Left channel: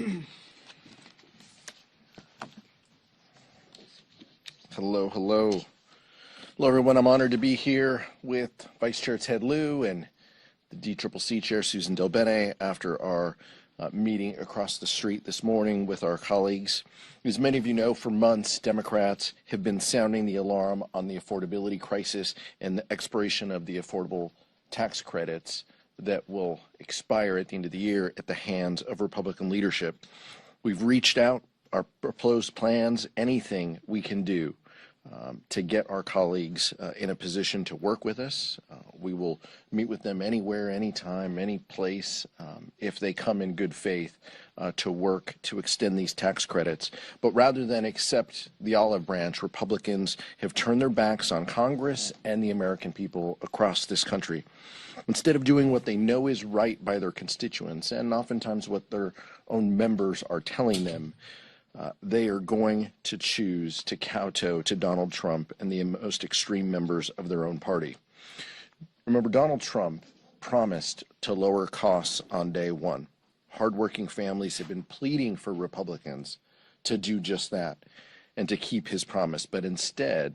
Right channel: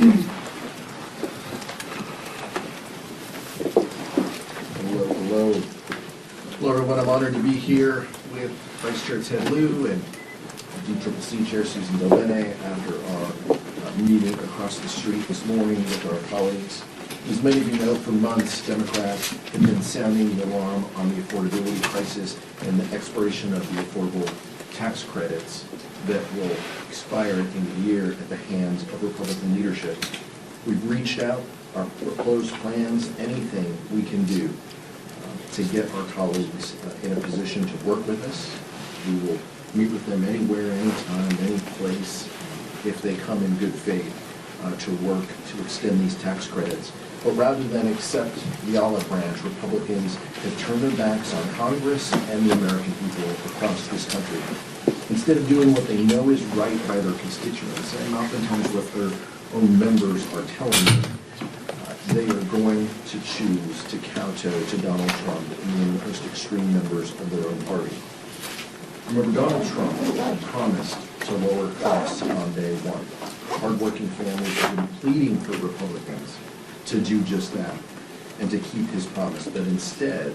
Hello, hello. Hello, everyone. I'm honored to be here with Vice Chair Ted Lieu and DCCC Chair Susan Delbene after our meeting across the street this morning with our colleagues. As many of you know, for months, Democrats have been sounding the alarm on the affordability crisis and the expiration of the affordable tax credits that will expire at the end of the year at the hands of Republican leadership. We've reached out, our proposed plans, anything we can do to get our colleagues in a position to work with us. We will meet with them anywhere, anytime, any place, if they come in good faith to work to extend these tax credits. But rather than accept the olive branch, Republicans have turned their backs on Congress and the American people across this country. Instead of doing what they know is right by their constituents, and oftentimes what their own members are telling them, they are going to choose to kowtow to Donald Trump and the most extreme members of their own party. Remember, Donald Trump promised to lower costs on day one. Hardworking families have been pleading for Republicans to do just that and to keep his promise. But instead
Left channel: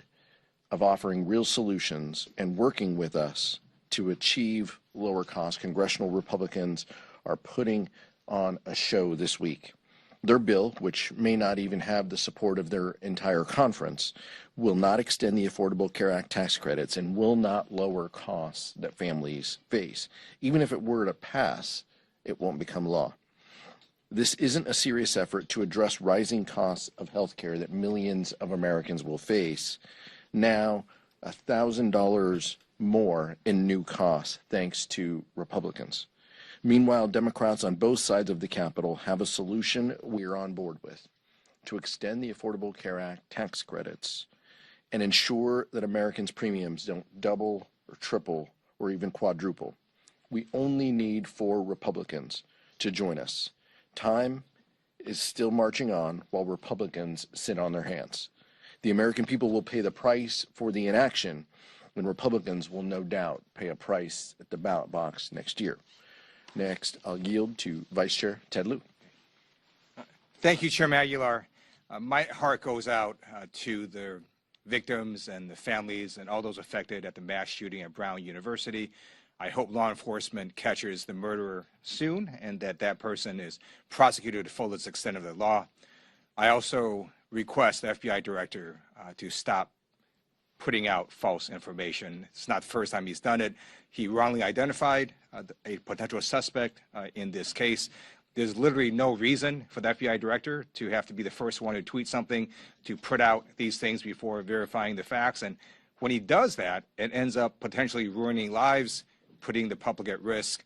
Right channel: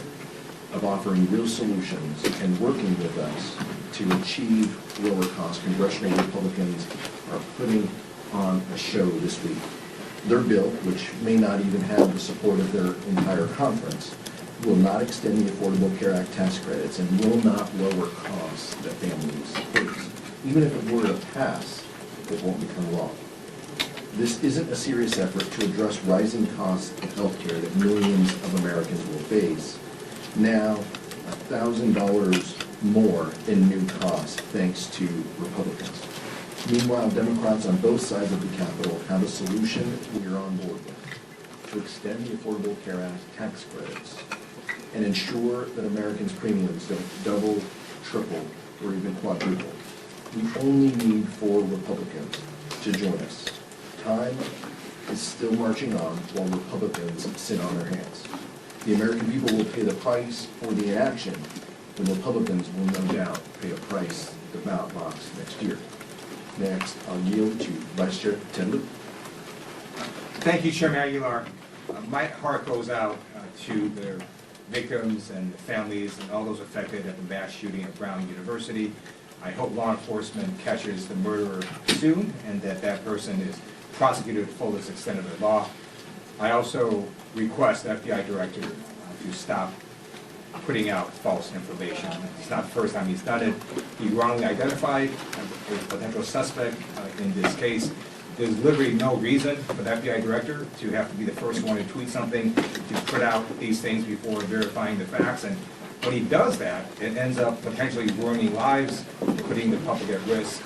of offering real solutions and working with us to achieve lower costs, congressional Republicans are putting on a show this week. Their bill, which may not even have the support of their entire conference, will not extend the Affordable Care Act tax credits and will not lower costs that families face. Even if it were to pass, it won't become law. This isn't a serious effort to address rising costs of health care that millions of Americans will face. Now, $1,000 more in new costs thanks to Republicans. Meanwhile, Democrats on both sides of the Capitol have a solution we are on board with to extend the Affordable Care Act tax credits and ensure that Americans' premiums don't double, triple, or even quadruple. We only need 4 Republicans to join us. Time is still marching on while Republicans sit on their hands. The American people will pay the price for the inaction, and Republicans will no doubt pay a price at the ballot box next year. Next, I'll yield to Vice Chair Ted Lieu. Thank you, Chairman Aguilar. My heart goes out to the victims and the families and all those affected at the mass shooting at Brown University. I hope law enforcement catches the murderer soon and that that person is prosecuted to the fullest extent of the law. I also request the FBI director to stop putting out false information. It's not the first time he's done it. He wrongly identified a potential suspect in this case. There's literally no reason for the FBI director to have to be the first one to tweet something, to put out these things before verifying the facts. And when he does that, it ends up potentially ruining lives, putting the public at risk,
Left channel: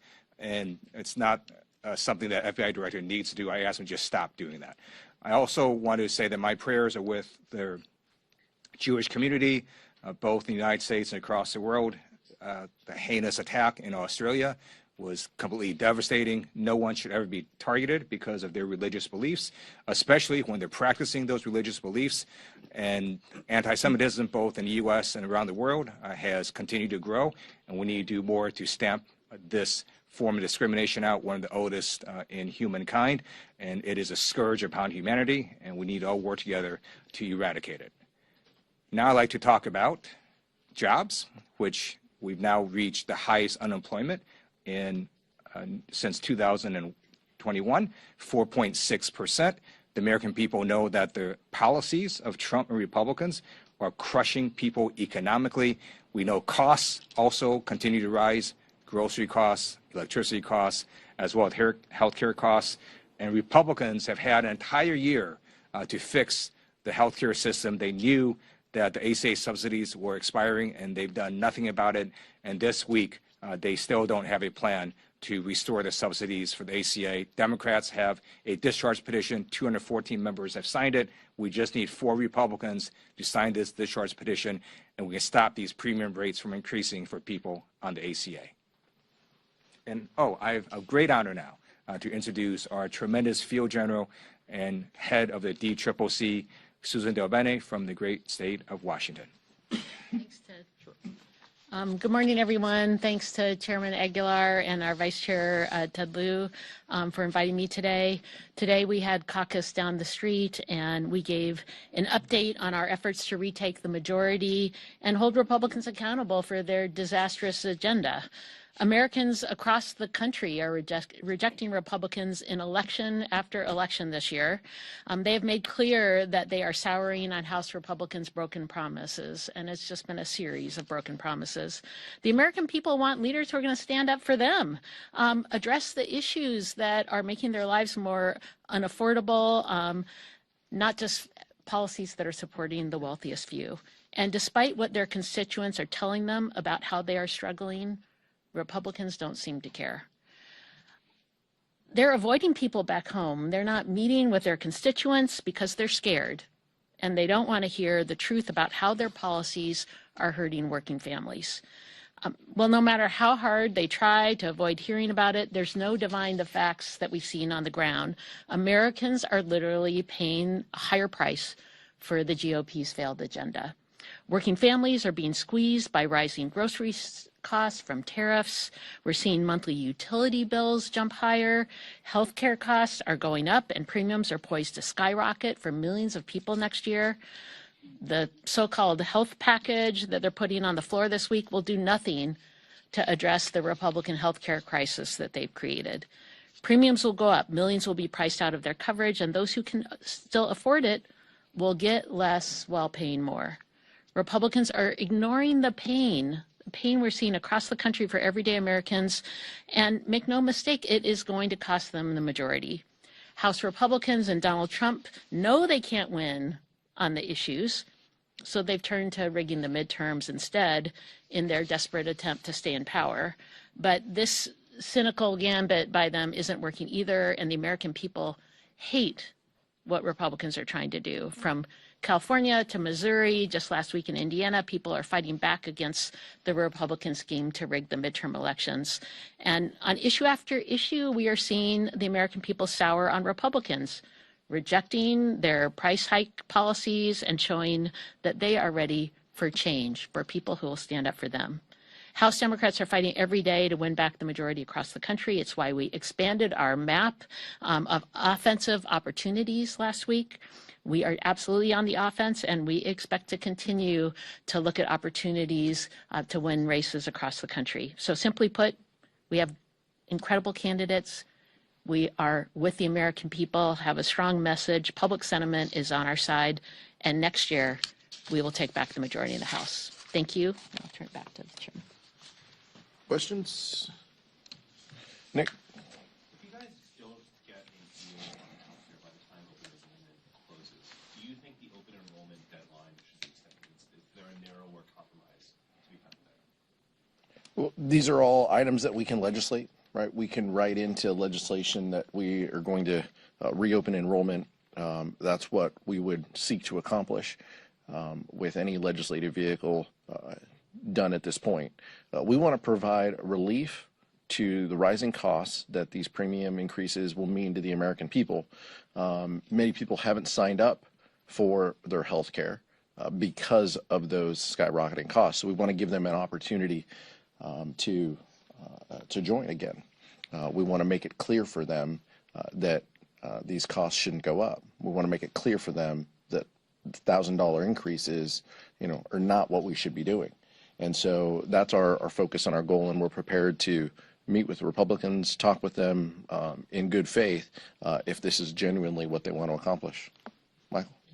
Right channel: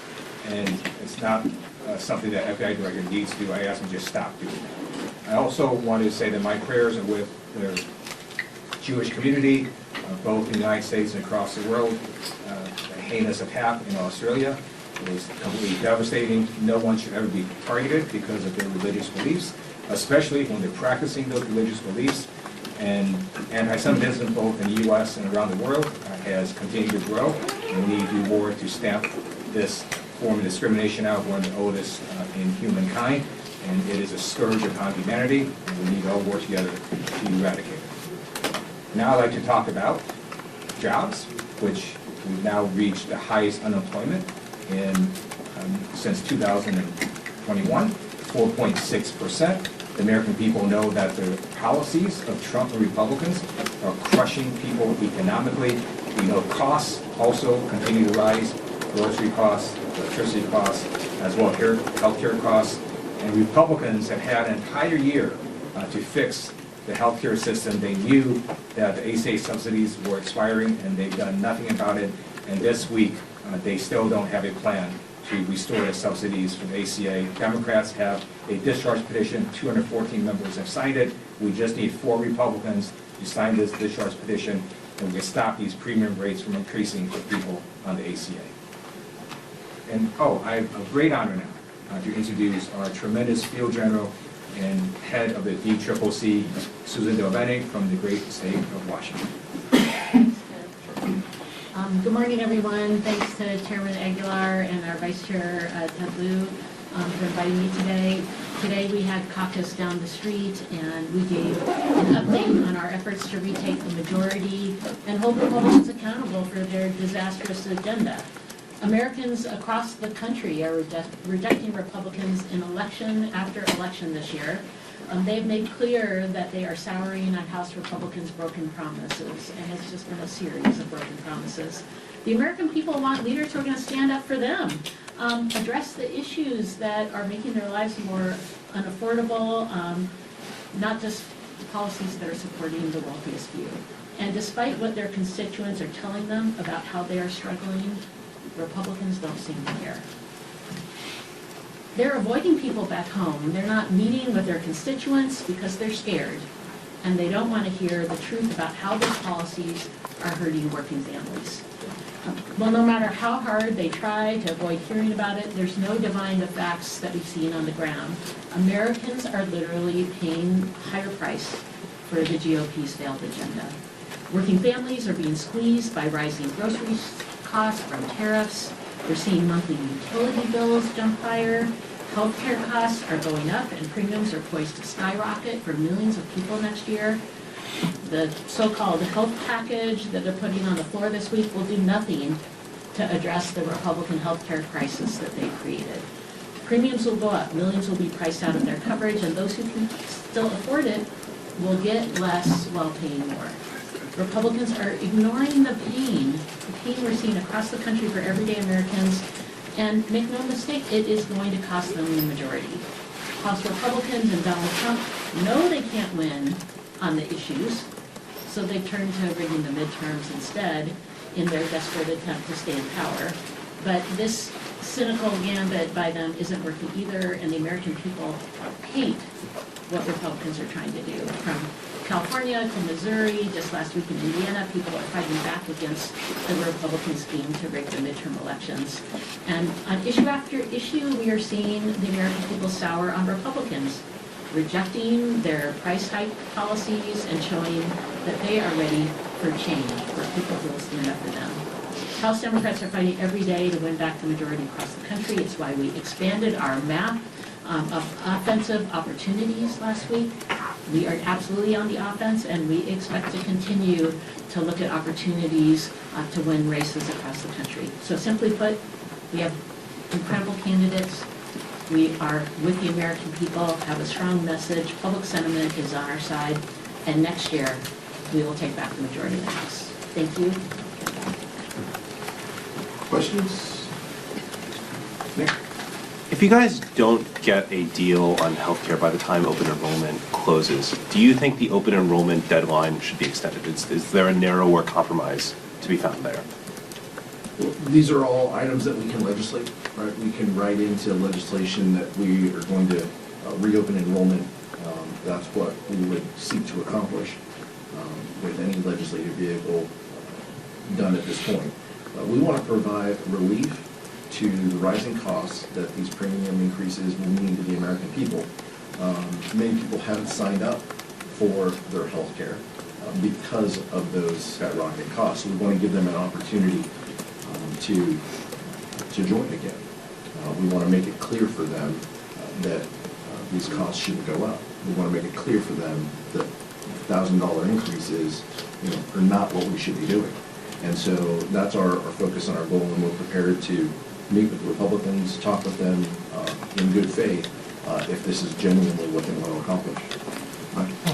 and it's not something that FBI director needs to do. I ask him to just stop doing that. I also wanted to say that my prayers are with the Jewish community, both in the United States and across the world. The heinous attack in Australia was completely devastating. No one should ever be targeted because of their religious beliefs, especially when they're practicing those religious beliefs. And anti-Semitism, both in the U.S. and around the world, has continued to grow. And we need to do more to stamp this form of discrimination out, one of the oldest in humankind. And it is a scourge upon humanity, and we need to all work together to eradicate it. Now I'd like to talk about jobs, which we've now reached the highest unemployment in since 2021, 4.6%. The American people know that the policies of Trump and Republicans are crushing people economically. We know costs also continue to rise, grocery costs, electricity costs, as well as healthcare costs. And Republicans have had an entire year to fix the healthcare system. They knew that the ACA subsidies were expiring, and they've done nothing about it. And this week, they still don't have a plan to restore the subsidies for the ACA. Democrats have a discharge petition. 214 members have signed it. We just need 4 Republicans to sign this discharge petition, and we can stop these premium rates from increasing for people on the ACA. And I have a great honor now to introduce our tremendous field general and head of the DCCC, Susan Delbene, from the great state of Washington. Good morning, everyone. Thanks to Chairman Aguilar and our Vice Chair, Ted Lieu, for inviting me today. Today we had caucus down the street and we gave an update on our efforts to retake the majority and hold Republicans accountable for their disastrous agenda. Americans across the country are rejecting Republicans in election after election this year. They've made clear that they are souring on House Republicans' broken promises, and it's just been a series of broken promises. The American people want leaders who are going to stand up for them, address the issues that are making their lives more unaffordable, not just policies that are supporting the wealthiest few. And despite what their constituents are telling them about how they are struggling, Republicans don't seem to care. They're avoiding people back home. They're not meeting with their constituents because they're scared. And they don't want to hear the truth about how their policies are hurting working families. Well, no matter how hard they try to avoid hearing about it, there's no denying the facts that we've seen on the ground. Americans are literally paying a higher price for the GOP's failed agenda. Working families are being squeezed by rising grocery costs from tariffs. We're seeing monthly utility bills jump higher. Healthcare costs are going up and premiums are poised to skyrocket for millions of people next year. The so-called health package that they're putting on the floor this week will do nothing to address the Republican healthcare crisis that they've created. Premiums will go up, millions will be priced out of their coverage, and those who can still afford it will get less while paying more. Republicans are ignoring the pain we're seeing across the country for everyday Americans, and make no mistake, it is going to cost them the majority. House Republicans and Donald Trump know they can't win on the issues, so they turn to rigging the midterms instead in their desperate attempt to stay in power. But this cynical gambit by them isn't working either, and the American people hate what Republicans are trying to do. From California to Missouri, just last week in Indiana, people are fighting back against the Republican scheme to rig the midterm elections. And on issue after issue, we are seeing the American people sour on Republicans, rejecting their price hike policies and showing that they are ready for change, for people who will stand up for them. House Democrats are fighting every day to win back the majority across the country. It's why we expanded our map of offensive opportunities last week. We are absolutely on the offense, and we expect to continue to look at opportunities to win races across the country. So simply put, we have incredible candidates. We are with the American people, have a strong message, public sentiment is on our side, and next year we will take back the majority of the House. Thank you. Questions? Nick? If you guys don't get a deal on healthcare by the time open enrollment closes, do you think the open enrollment deadline should be extended? Is there a narrower compromise to be found there? Well, these are all items that we can legislate, right? We can write into legislation that we are going to reopen enrollment. That's what we would seek to accomplish with any legislative vehicle done at this point. We want to provide relief to the rising costs that these premium increases will mean to the American people. Many people haven't signed up for their health care because of those skyrocketing costs. So we want to give them an opportunity to join again. We want to make it clear for them that these costs shouldn't go up. We want to make it clear for them that $1,000 increases, are not what we should be doing. And so that's our focus and our goal, and we're prepared to meet with Republicans, talk with them in good faith if this is genuinely what they want to accomplish.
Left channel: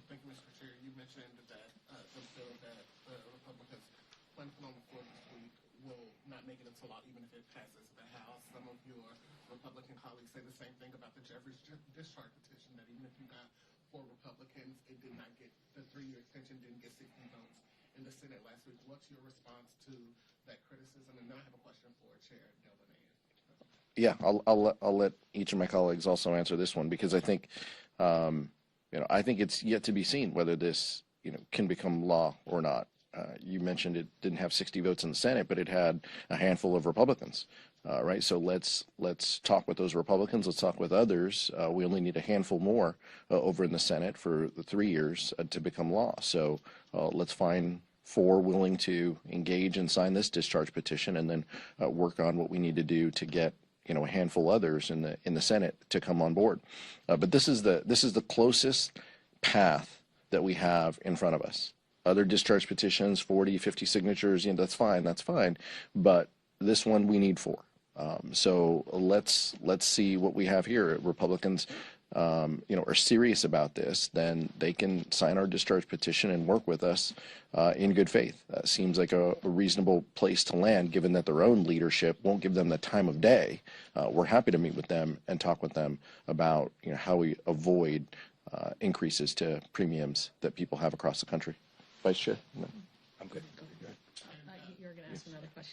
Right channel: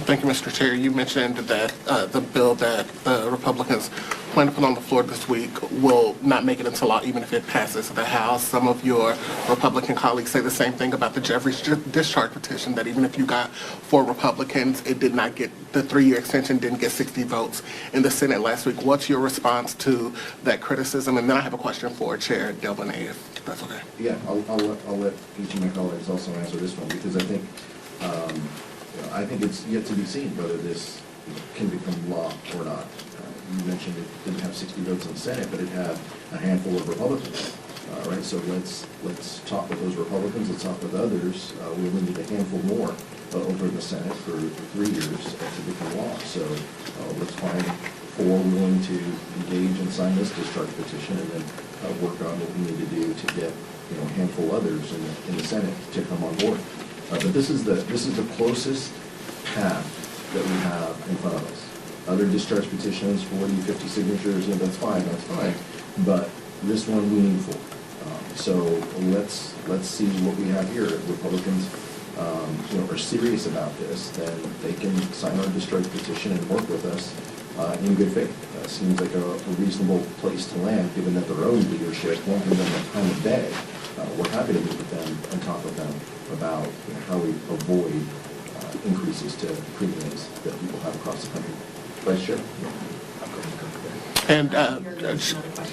Thank you, Mr. Chair. You mentioned that the bill that the Republicans plan to put on the floor this week will not make it into law even if it passes the House. Some of your Republican colleagues say the same thing about the Jeffries discharge petition, that even if you got 4 Republicans, it did not get, the 3-year extension didn't get 60 votes in the Senate last week. What's your response to that criticism? And then I have a question for Chair Delbene, if that's okay. Yeah, I'll let each of my colleagues also answer this one, because I think I think it's yet to be seen whether this can become law or not. You mentioned it didn't have 60 votes in the Senate, but it had a handful of Republicans, right? So let's talk with those Republicans. Let's talk with others. We only need a handful more over in the Senate for 3 years to become law. So let's find 4 willing to engage and sign this discharge petition, and then work on what we need to do to get a handful others in the Senate to come on board. But this is the closest path that we have in front of us. Other discharge petitions, 40, 50 signatures, that's fine, but this one we need full. So let's see what we have here. If Republicans, are serious about this, then they can sign our discharge petition and work with us in good faith. Seems like a reasonable place to land, given that their own leadership won't give them the time of day. We're happy to meet with them and talk with them about how we avoid increases to premiums that people have across the country. Vice Chair? And,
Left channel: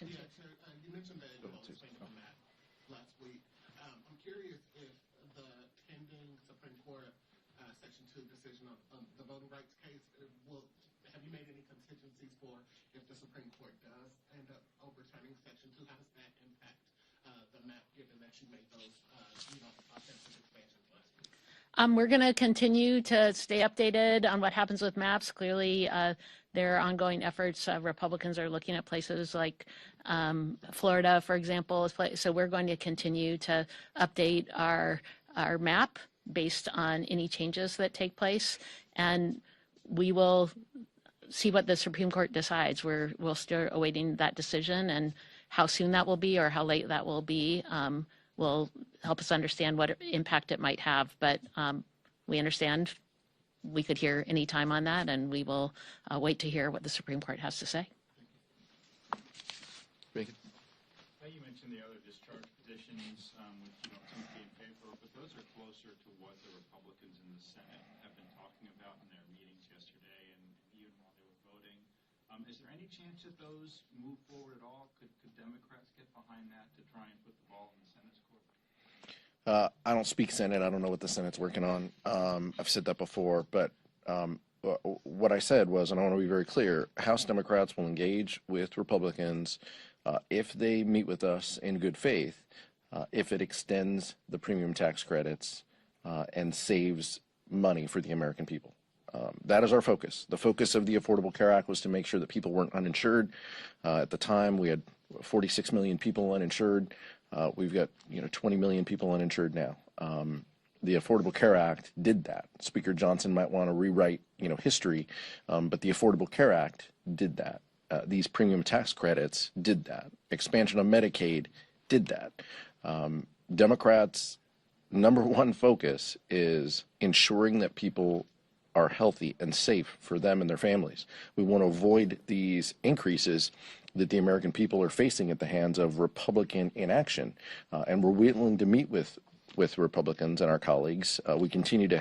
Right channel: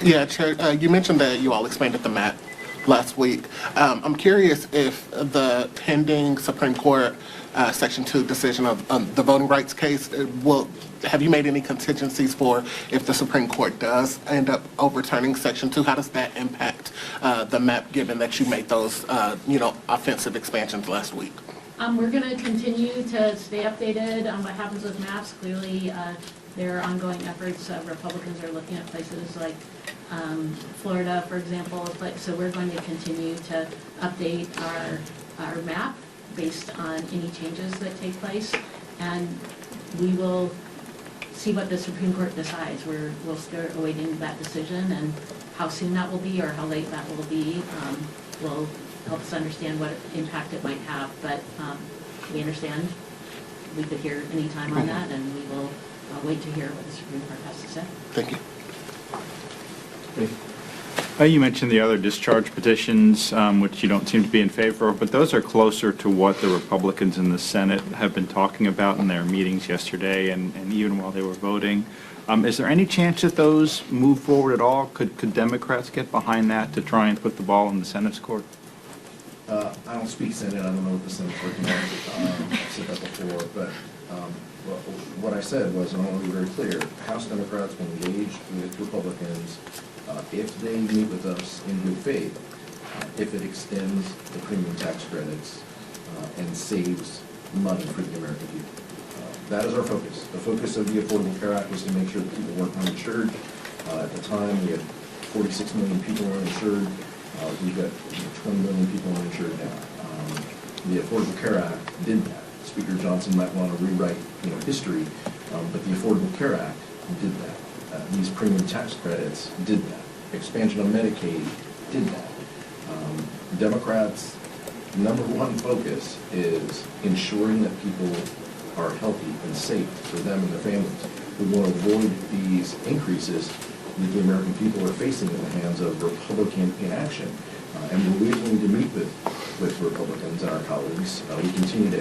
yeah, Chair, you mentioned that you all expanded the map last week. I'm curious if the pending Supreme Court Section 2 decision of the voting rights case, have you made any contingencies for if the Supreme Court does end up overturning Section 2? How does that impact the map, given that you made those, offensive expansions last week? We're going to continue to stay updated on what happens with maps. Clearly, there are ongoing efforts. Republicans are looking at places like Florida, for example. So we're going to continue to update our map based on any changes that take place. And we will see what the Supreme Court decides. We'll start awaiting that decision, and how soon that will be or how late that will be will help us understand what impact it might have. But we understand we could hear any time on that, and we will wait to hear what the Supreme Court has to say. Thank you. You mentioned the other discharge petitions, which you don't seem to be in favor of, but those are closer to what the Republicans in the Senate have been talking about in their meetings yesterday and even while they were voting. Is there any chance that those move forward at all? Could Democrats get behind that to try and put the ball in the Senate's court? I don't speak Senate, I don't know what the Senate's working on. I've said that before, but what I said was, and I want to be very clear, House Democrats will engage with Republicans if they meet with us in good faith, if it extends the premium tax credits and saves money for the American people. That is our focus. The focus of the Affordable Care Act was to make sure that people weren't uninsured. At the time, we had 46 million people uninsured. We've got 20 million people uninsured now. The Affordable Care Act did that. Speaker Johnson might want to rewrite, history, but the Affordable Care Act did that. These premium tax credits did that. Expansion of Medicaid did that. Democrats' number one focus is ensuring that people are healthy and safe for them and their families. We want to avoid these increases that the American people are facing at the hands of Republican inaction. And we're willing to meet with Republicans and our colleagues. We continue to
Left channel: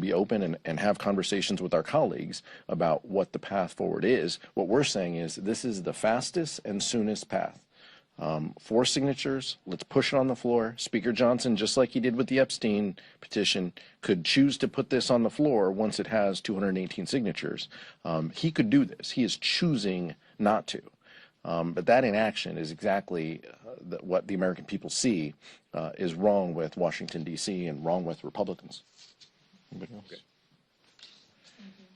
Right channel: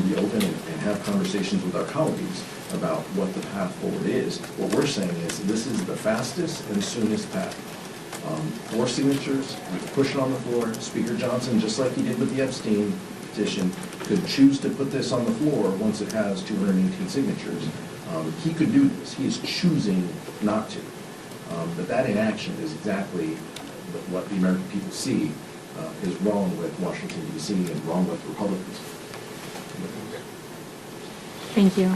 be open and have conversations with our colleagues about what the path forward is. What we're saying is this is the fastest and soonest path. 4 signatures, we've pushed it on the floor. Speaker Johnson, just like he did with the Epstein petition, could choose to put this on the floor once it has 218 signatures. He could do this. He is choosing not to. But that inaction is exactly what the American people see is wrong with Washington, D.C. and wrong with Republicans. Thank you.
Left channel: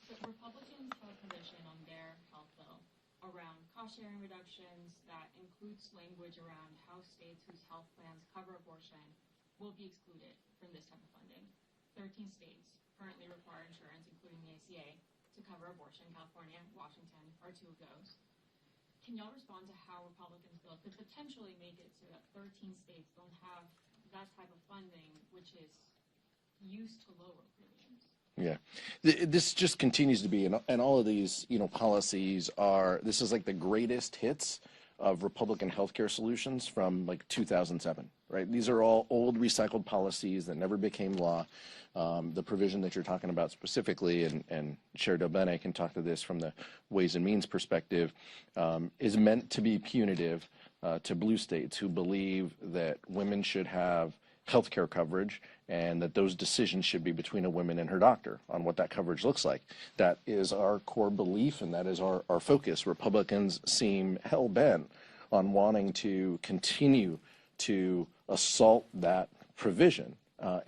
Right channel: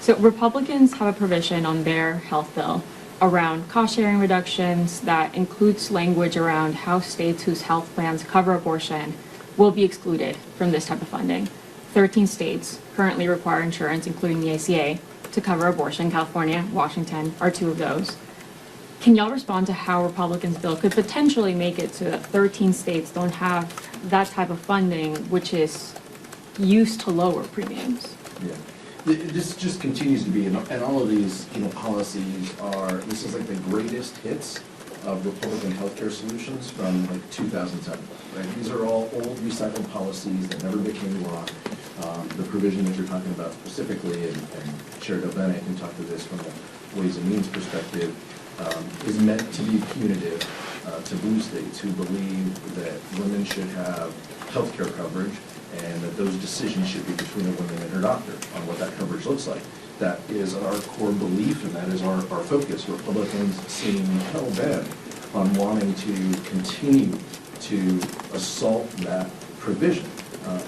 So Republicans have a provision on their health bill around cost-sharing reductions that includes language around how states whose health plans cover abortion will be excluded from this type of funding. 13 states currently require insurance, including the ACA, to cover abortion. California, Washington are 2 of those. Can y'all respond to how Republicans' bill could potentially make it so that 13 states don't have that type of funding, which is used to lower premiums? Yeah. This just continues to be, and all of these, policies this is like the greatest hits of Republican healthcare solutions from like 2007. Right? These are all old recycled policies that never became law. The provision that you're talking about specifically, and Chair Delbene can talk to this from a Ways and Means perspective, is meant to be punitive to blue states who believe that women should have health care coverage and that those decisions should be between a woman and her doctor on what that coverage looks like. That is our core belief, and that is our focus. Republicans seem hell-bent on wanting to continue to assault that provision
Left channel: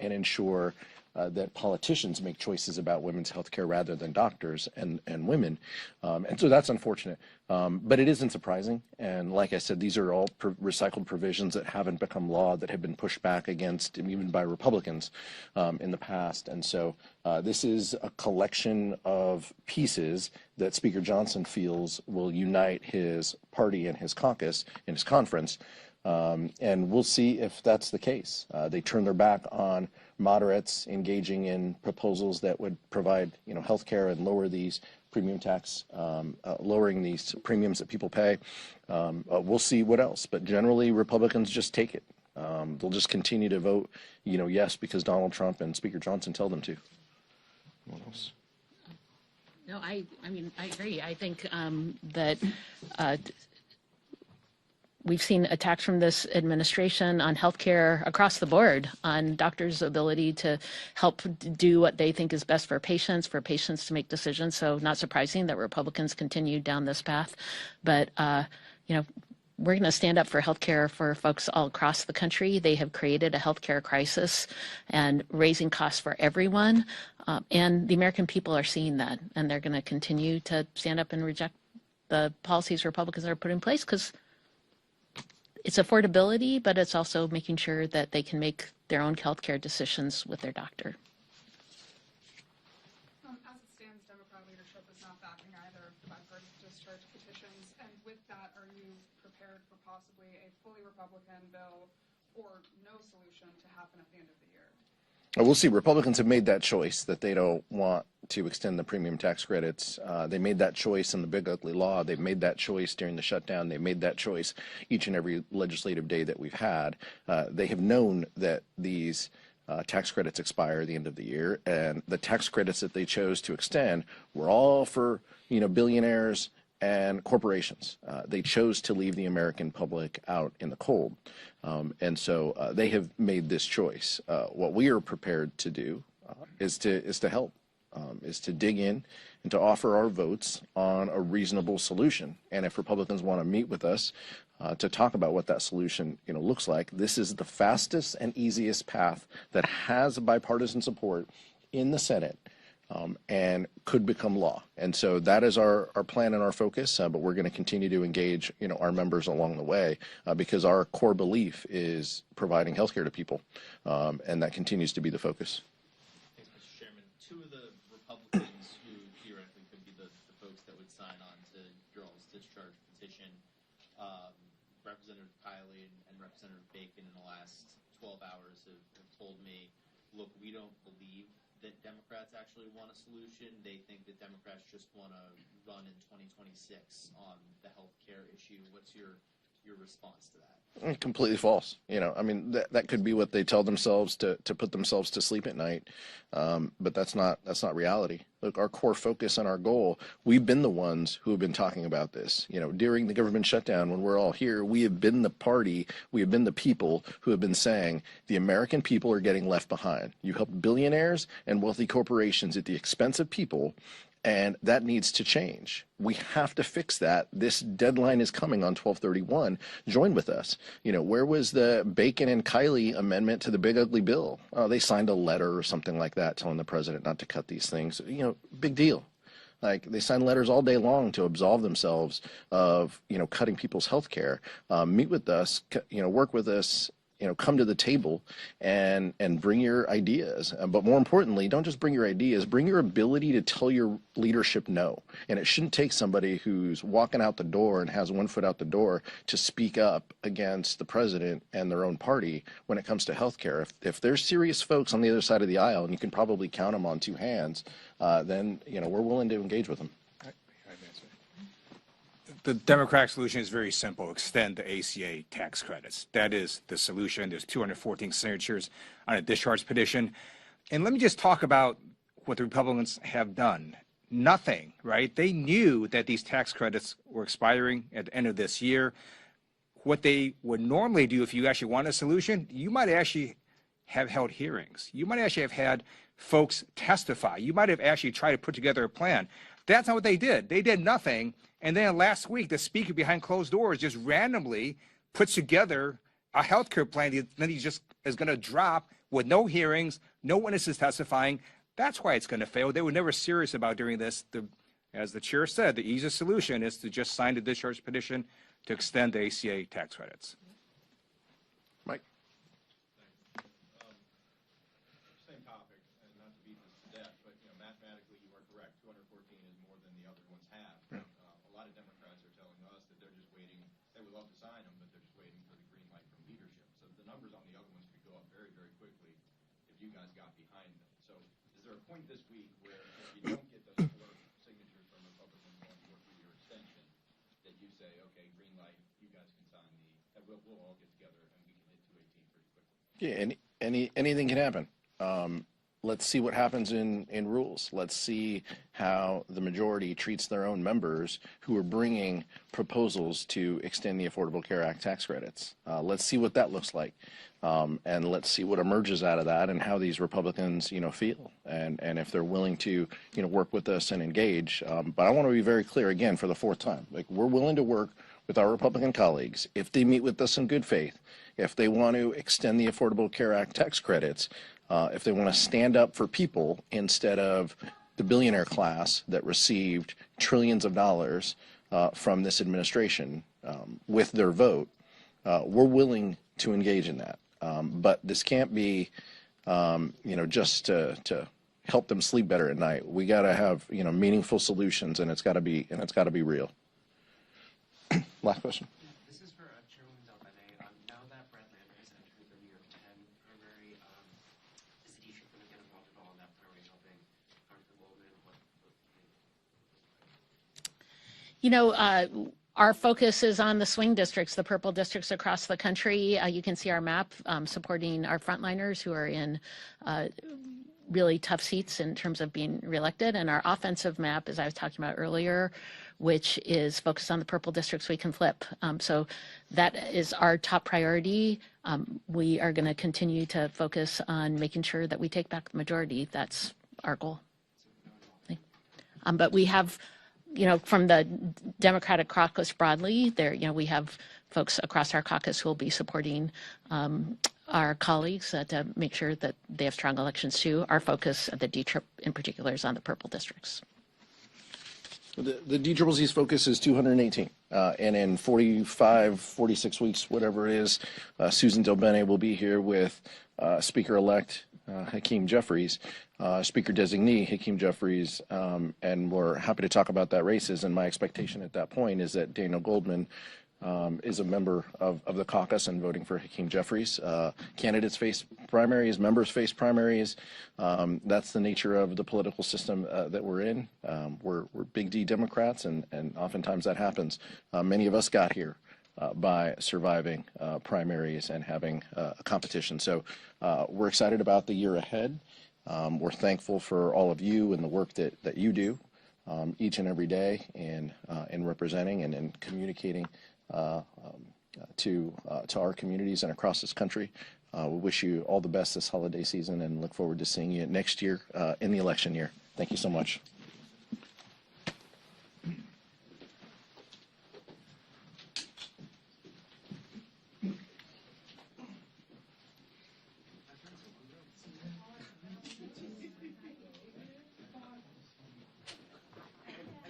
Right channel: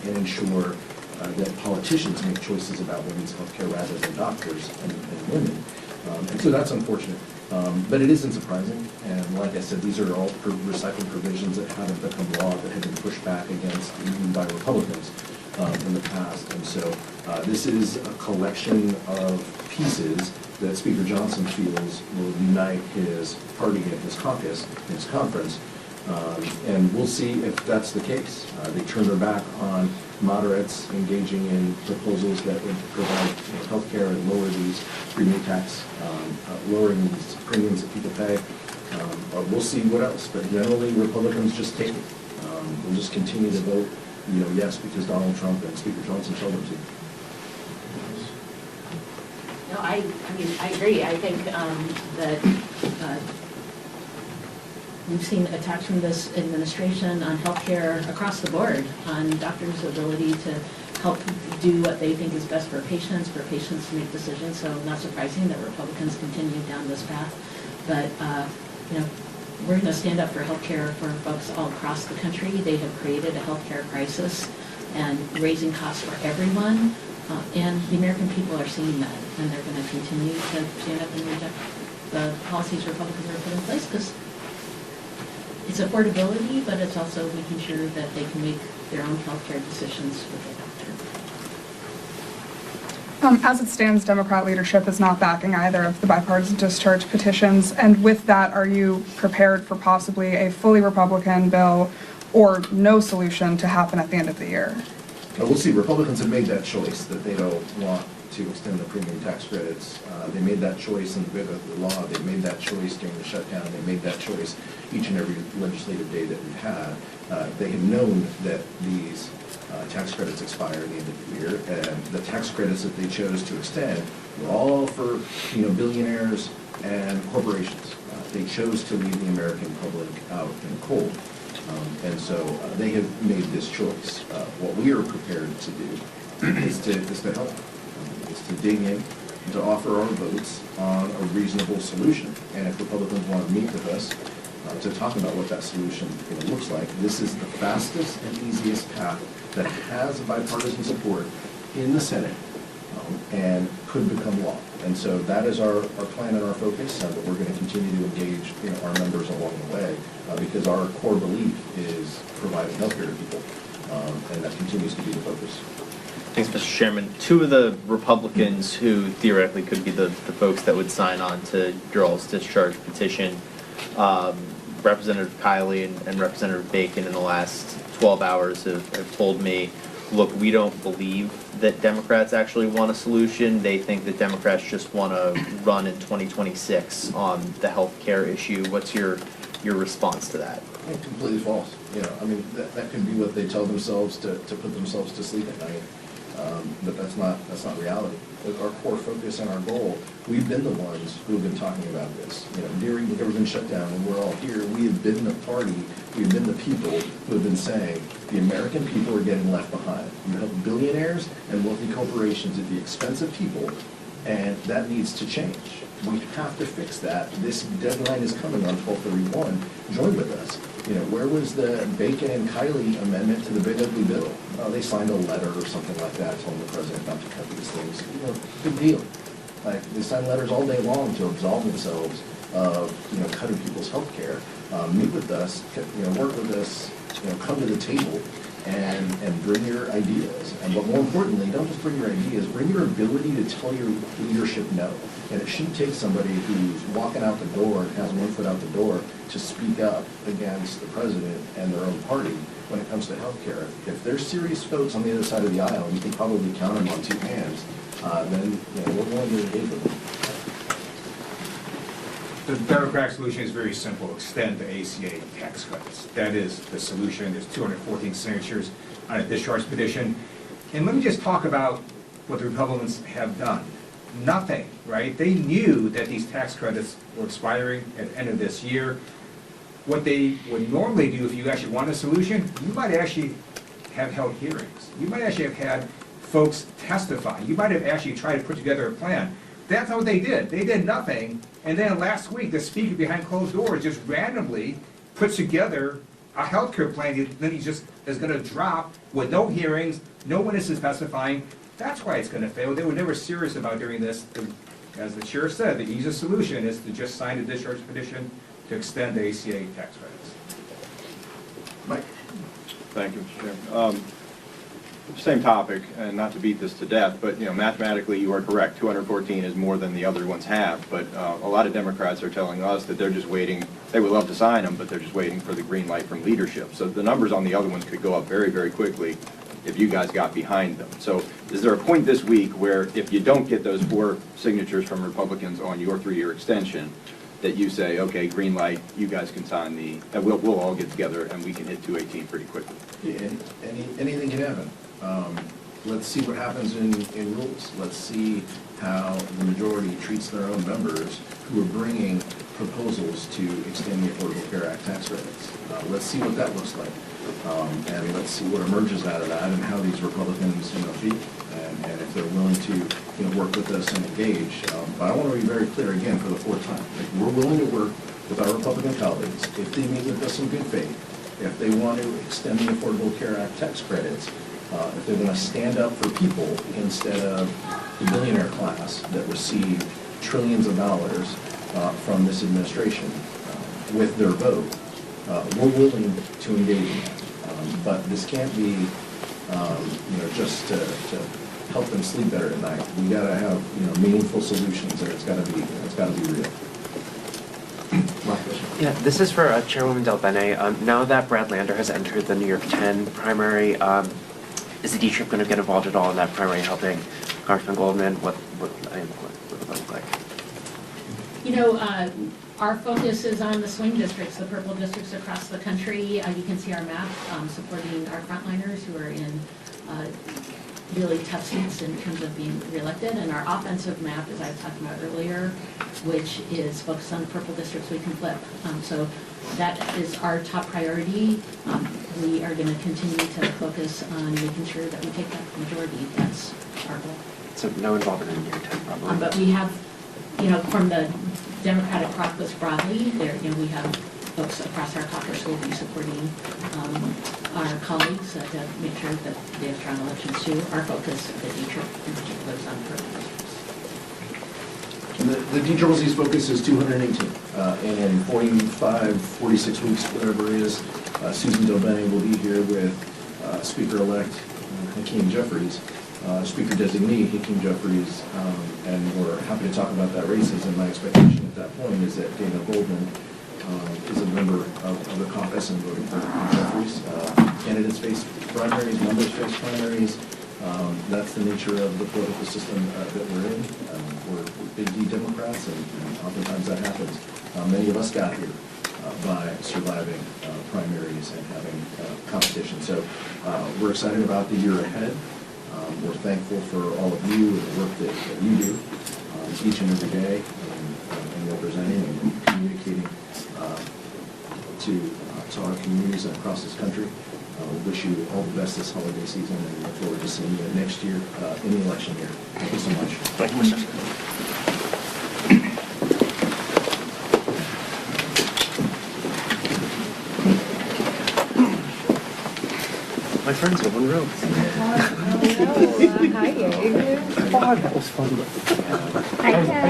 and ensure that politicians make choices about women's health care rather than doctors and women. And so that's unfortunate. But it isn't surprising, and like I said, these are all recycled provisions that haven't become law, that have been pushed back against even by Republicans in the past. And so this is a collection of pieces that Speaker Johnson feels will unite his party and his caucus, his conference, and we'll see if that's the case. They turn their back on moderates engaging in proposals that would provide health care and lower these premium tax, lowering these premiums that people pay. But we'll see what else. But generally, Republicans just take it. They'll just continue to vote, yes, because Donald Trump and Speaker Johnson tell them to. No, I mean, I agree. I think that we've seen attacks from this administration on healthcare across the board, on doctors' ability to help do what they think is best for patients to make decisions. So not surprising that Republicans continue down this path. But, we're going to stand up for healthcare for folks all across the country. They have created a healthcare crisis and raising costs for everyone. And the American people are seeing that, and they're going to continue to stand up and reject the policies Republicans are putting in place, because it's affordability, but it's also making sure that they can make their own healthcare decisions with their doctor. As it stands, Democrat leadership is not backing either of the bipartisan discharge petitions. And with that, are you prepared for possibly a fully Republican bill or no solution to happen at the end of the year? We'll see. Republicans have made that choice that they don't want to extend the premium tax credits. They made that choice in the law. They made that choice during the shutdown. They made that choice each and every legislative day that we've had. They have known that these tax credits expire at the end of the year, and the tax credits that they chose to extend were all for billionaires and corporations. They chose to leave the American public out in the cold. And so they have made this choice. What we are prepared to do is to help, is to dig in, to offer our votes on a reasonable solution. And if Republicans want to meet with us to talk about what that solution looks like, this is the fastest and easiest path that has bipartisan support in the Senate and could become law. And so that is our plan and our focus, but we're going to continue to engage our members along the way because our core belief is providing health care to people, and that continues to be the focus. Thanks, Mr. Chairman. Two of the Republicans who theoretically could be the folks that would sign on to your all's discharge petition, Representative Kiley and Representative Bacon in the last 12 hours have told me, look, we don't believe that Democrats actually want a solution. They think that Democrats just want to run in 2026 on the health care issue. What's your response to that? Completely false. I mean, that could be what they tell themselves to put themselves to sleep at night. But that's not reality. Look, our core focus and our goal, we've been the ones who have been talking about this. During the government shutdown, when we're all here, we have been the party, we have been the people who have been saying the American people are getting left behind. You help billionaires and wealthy corporations at the expense of people, and that needs to change. We have to fix that. This deadline is coming on 12/31. Join with us. Where was the Bacon and Kiley amendment to the Big Ugly Bill? They signed a letter or something like that telling the president not to cut these things. Big deal. Like, they sign letters all day long to absolve themselves of, cutting people's health care. Meet with us, work with us, come to the table and bring your ideas. But more importantly, don't just bring your ideas, bring your ability to tell your leadership no. And it shouldn't take somebody who's walking out the door and has one foot out the door to speak up against the president and their own party when it comes to health care. If there's serious folks on the other side of the aisle, and you can probably count them on two hands, then we're willing to engage with them. The Democratic solution is very simple: extend the ACA tax credits. That is the solution. There's 214 signatures on a discharge petition. And let me just talk about what the Republicans have done. Nothing, right? They knew that these tax credits were expiring at the end of this year. What they would normally do, if you actually want a solution, you might actually have held hearings. You might actually have had folks testify. You might have actually tried to put together a plan. That's what they did. They did nothing. And then last week, the speaker behind closed doors just randomly puts together a healthcare plan that he just is going to drop with no hearings, no witnesses testifying. That's why it's going to fail. They were never serious about doing this. The As the chair said, the easiest solution is to just sign the discharge petition to extend the ACA tax credits. Mike? Thank you, Mr. Chairman. Same topic, and not to beat this to death, but, you know, mathematically you are correct. 214 is more than the other ones have, but a lot of Democrats are telling us that they're just waiting. They would love to sign them, but they're just waiting for the green light from leadership. So the numbers on the other ones could go up very, very quickly if you guys got behind them. So is there a point this week where if you don't get those 4 signatures from Republicans on your 3-year extension, that you say, okay, green light, you guys can sign and we'll all get together and we can hit 218 pretty quickly? Yeah, anything can happen. Let's see what happens in rules. Let's see how the majority treats their own members who are bringing proposals to extend the Affordable Care Act tax credits. Let's see what that looks like. And let's see what emerges out of that and how these Republicans, feel. And if they're willing to, work with us and engage. But I want to be very clear again for the 4th time. We're willing to work with our Republican colleagues if they meet with us in good faith, if they want to extend the Affordable Care Act tax credits, if they want to stand up for people instead of the billionaire class that received trillions of dollars from this administration with their vote, we're willing to engage in that. But this can't be, just to help them sleep better at night. We got to have, meaningful solutions, and it's got to be real. Yeah, this is for Chairwoman Del Bene. Now that Brad Lander has entered the New York 10 primary, is the D-Trip going to get involved at all in that primary, helping Congressman Goldman? What would that look like? Our focus is on the swing districts, the purple districts across the country. You can see our map supporting our frontliners who are in really tough seats in terms of being reelected. And our offensive map, as I was talking about earlier, which is focused on the purple districts we can flip. So that is our top priority. We are going to continue to focus on making sure that we take back the majority. That's our goal. So no involvement in New York 10 probably. But we have, from the Democratic caucus broadly, we have folks across our caucus who will be supporting our colleagues to make sure that they have strong elections too. Our focus at the D-Trip in particular is on purple districts. The DCCC's focus is 218, and in 45, 46 weeks, whatever it is, Susan Del Bene will be here with Speaker-elect Hakeem Jeffries, Speaker designee Hakeem Jeffries, and we're happy to talk about that races. And my expectation at that point is that Dana Goldman is a member of the caucus and voting for Hakeem Jeffries. Candidates face primaries, members face primaries. That's the nature of the political system that we're in. We're big D Democrats, and oftentimes that happens. Many of us got here by surviving primaries and having competition. So we're excited about the year ahead. We're thankful for all of you and the work that you do each and every day in representing and communicating to our communities and across this country. We wish you all the best this holiday season and look forward to seeing you next year in the election year. Thank you so much. Thank you, Mr. My friends have one room. Hi, Gabe. That was fun. Hi, Ken.